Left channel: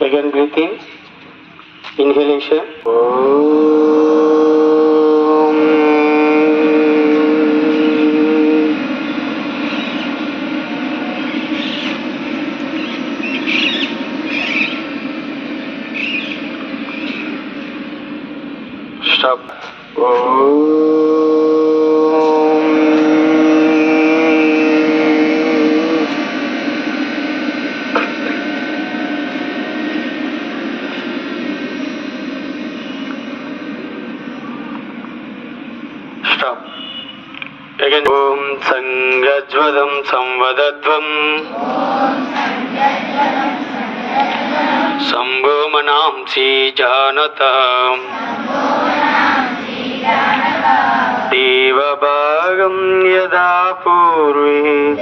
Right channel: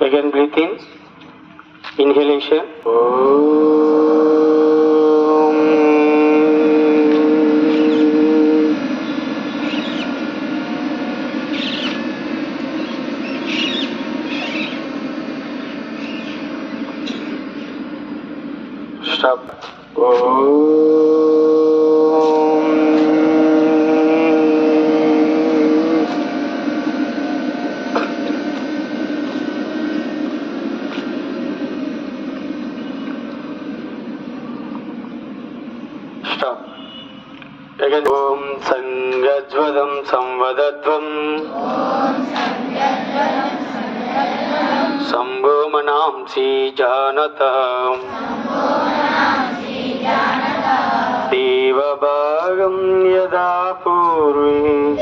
Again breathe in. Inhalation. Stop. Stop. Again. Om Sangajvadam Samvadadvam Sambho Manamsi Janatam Devabhagam Yada Purvi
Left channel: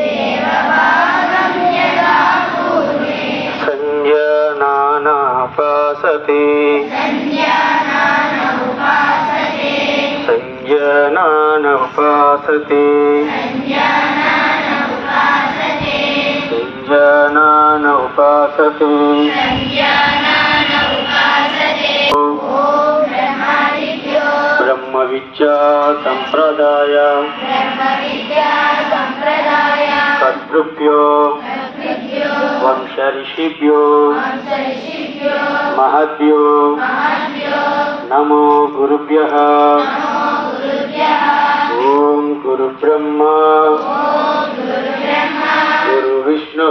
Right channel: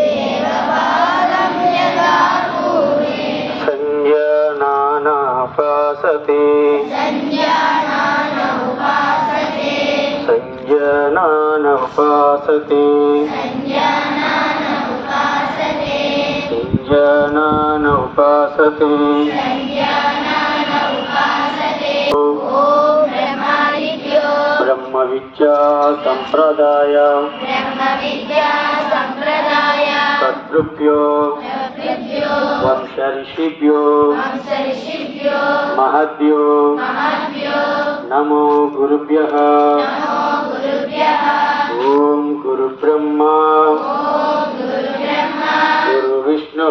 Sanjanana Pasati Sanjanana Pasati Sanjanana Pasati Brahma Vidya Sampradaya Sadrupyo Vamsharishibhyo Mahadbhyo Namo Gurubhyaha Om Guru Brahma Guru Vishnu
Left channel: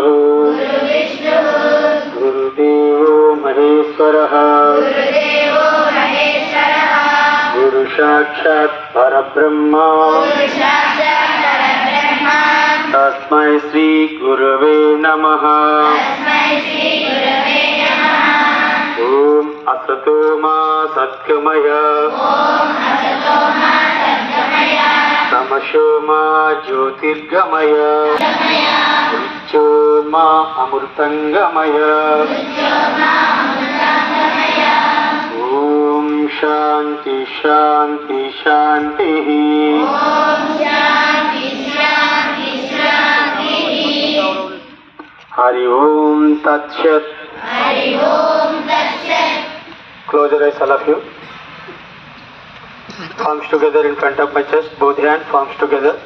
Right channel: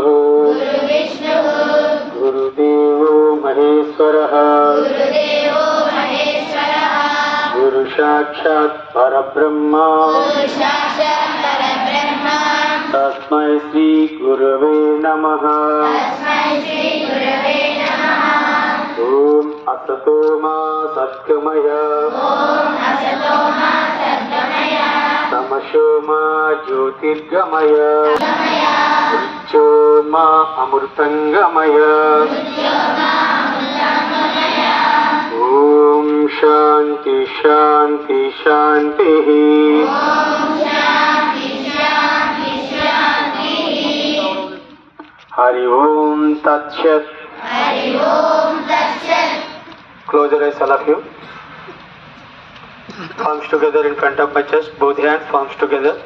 Guru Devo Maheshwaraha Guru Sakshat Parabrahma Tasmai Sri Gurave Namaha Om Asato Ma Satgamaya Tamasho Ma Jyotirgamaya Richo Ma Amurtangamaya Om Shanti Shanti Shanti Hari Om Tat Sat. Close your eyes, all of you. Palms together in front of my chest, both hands palms together.